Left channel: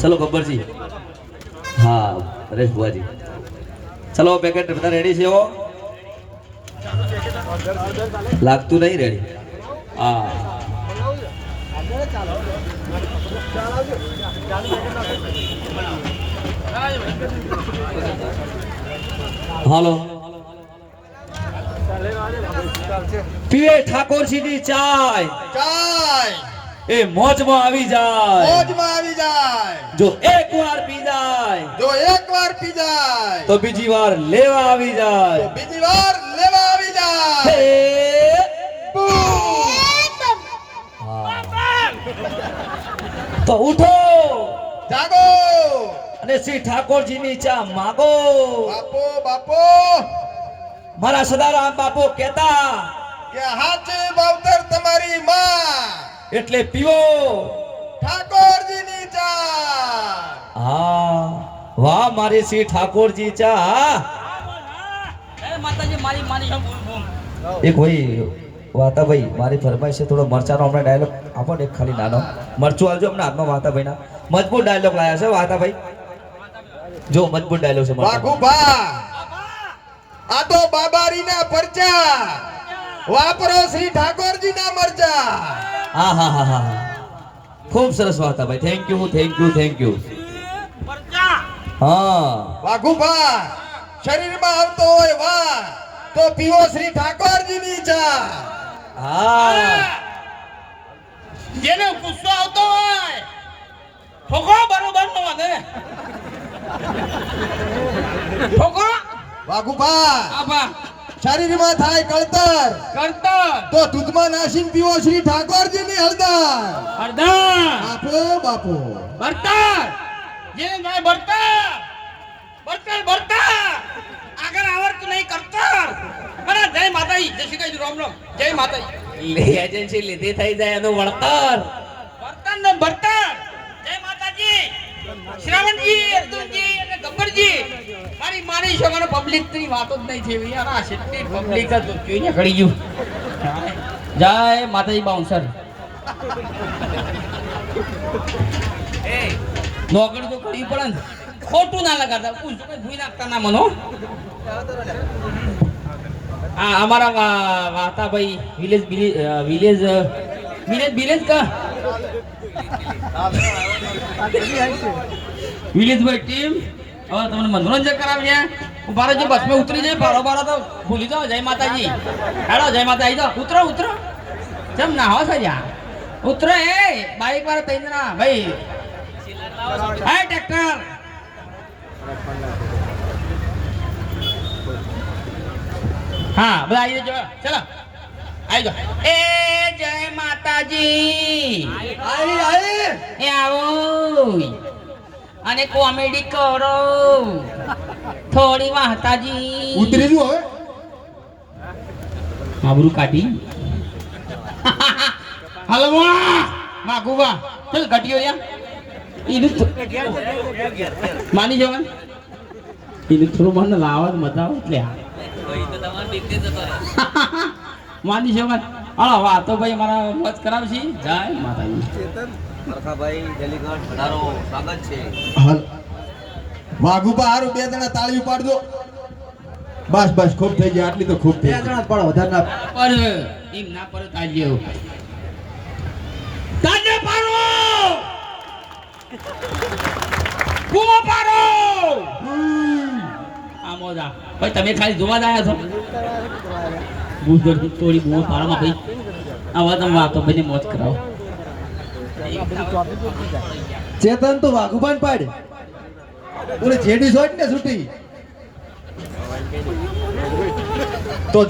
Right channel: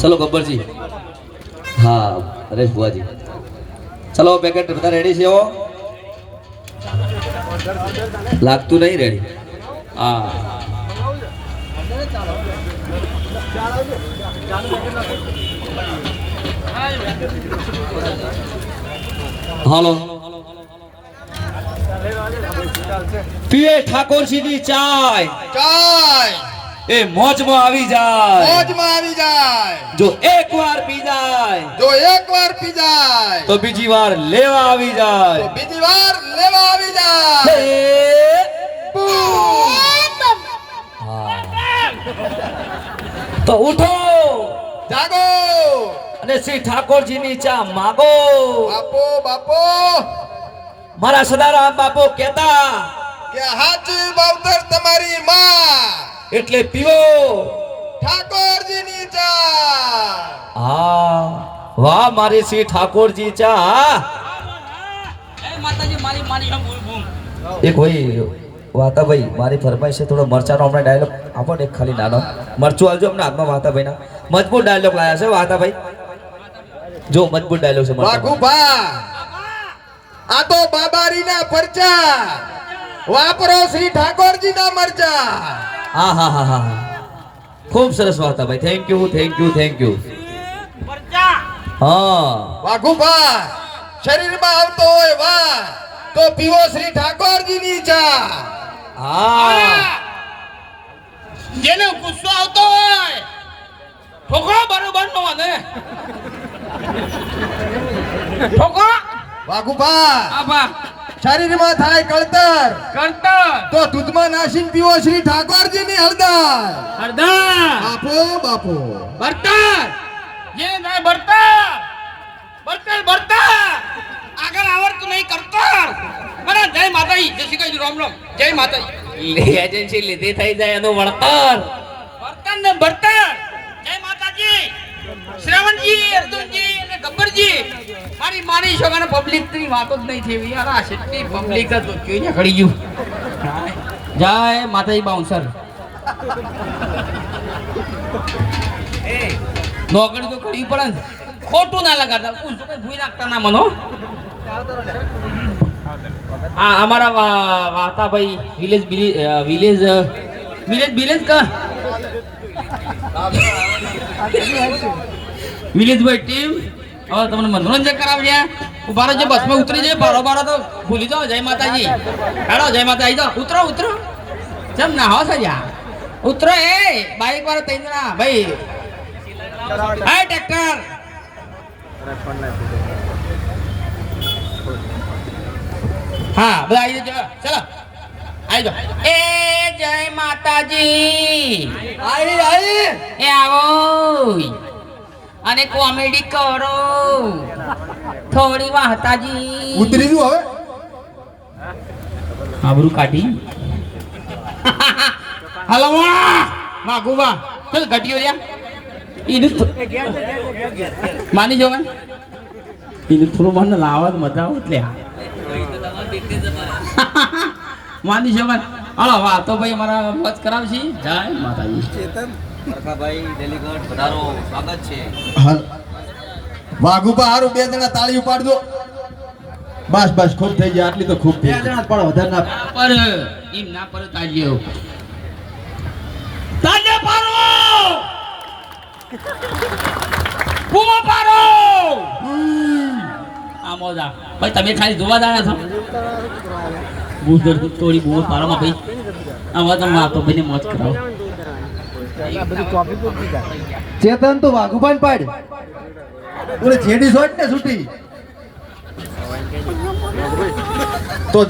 ચલો ગબ્બરજી. હા હરેશ ભુવાજી. ચલો પેકેટ બધા રેડી છે લાગતું નહીં રેડી હા. હાલો. પીએ ઠાકોરજીની ચાય. ચાય. એ મોજમાં આવી જાય. મોજમાં આવી જાય. જો એક વાર પી જાય. જો એકવાર પી જાય. તો બીજી વાર લેવા આવી તો જાય બીજી વાર લેવા આવી જાય. તો ઉઠો. જાગો. અને શ્રી ઠાકોરજીની ચા માગો. બાપો બાપો. મારા સદારામ બાપો કહેતા કે હાચી બાવતર તમારી માં. એટલે પીવો. ઠાકોરજીની ચા હા વાહ મારી શ્રી ઠાકોરજી ચા હા. એક ભાઈ વાતા ભાઈ મારી ફરમાઈશ છે થોડો મરચાનો હમણાં ડાયલોગ આપો ને એક ખાલી નાનો. મરચું આવજો અમને હાથમાં વાતાભાઈના. મજબૂત ડાયલોગ લાયા છે વાતાભાઈ. જો મજબૂત ડાયલોગ છે આ તો બાબારીના પરચા. વાપરો શ્રી ઠાકોરજીના મરચા. હા હા હા હા હા. ખૂબ સરસ Vatabhai thank you thank you thank you હા. વાઘુભા શરીરમાં આવતો હોય વા તો પીવો શ્રી ઠાકોરજીની ચા. હા. જેને ગુસ્સો આવતો હોય ઠોકો બરોબર નો ને ઠોકો વાઘુભા શરીરમાં થાય કળતર. કરતર તો દૂધમાં નાસીને પીવો શ્રી ઠાકોરજીની હળદર. હરદા બાપો બાપો. બરતર બરતર બરતર આગળ આવડતું નહીં કરતર બરા જય માતાજી. જય શ્રી કૃષ્ણ. રામ રામ. જય માતાજી. એજન્સી લીધી થઈ જાય એનું વળતર. વર્તન ને વર્તન જય માતાજી. શ્રાવણજી અર્જુનજી મારી માની છોકરાને પબ્લિકની વાતો જ નહીં થઈ યાર આ સિટી પબ્લિક હતો જોઈને ખડી ગયું. જય માતાજી બાઉન્સર નોકરી તો કરવી પડે ને. ખોટું ના લગાડતા. પૂછ ભૂઈ નાખતા ના મનો. હા અમારા Vatabhai village village village village village ભાઈ ટીમ હવે તમને મનોરંજન કરાવ્યા ઊભા રહેજો બસમાં ઉતરી જાય બારો બારો તો ભૂલી જાઓ. જય માતાજી. હેડો જય માતાજી. તો ઉતરો ઉતરો. જેમ ના હો સજા ઉતરો એ બાઈક વાળા તઈ ના. ભાઈ. Hi tractor. હા બધા આવી જજો. ચલો. આવી જાઓ. એ જય માતાજી. આવી આવી એ આવો. અને કોમેડી કરો. થોડી વાહતાજી ઉતરી જુ હવે? આબરૂ કાઢી. હલો માગુવા ચલ ઘટીઓ રહ્યા. ઈનું માની જો મને. ઈનું થોડું મને લાવવા મજા આવે એટલે. માની જો મને. હલો વાહ તો ભાઈ મારા મત કરાવશી. જય માતાજી. ભાઈ ડેલીગઢ પધારો સ્વાગત છે. હાલ હારું બે જણા તાળી ઉપાડજો. બસ બસ ખૂબ થઈ ગયા આટલી તો ખૂબ થઈ બે પણ વધારે ના પર એમ ના પર તાજ્યો તાજ્યો પારો કુમો પારો આ મોજા. ભાઈ તમે ખાલી જોવા આવ્યા છો? બુધર તોડી બહુ પારામાં ભાઈ. આવા તમે વાતો ભાઈને મોજ કરાવો. ચેતન તો પણ પાડ. પૂરી જેડી સોટ? ને છૂટી તો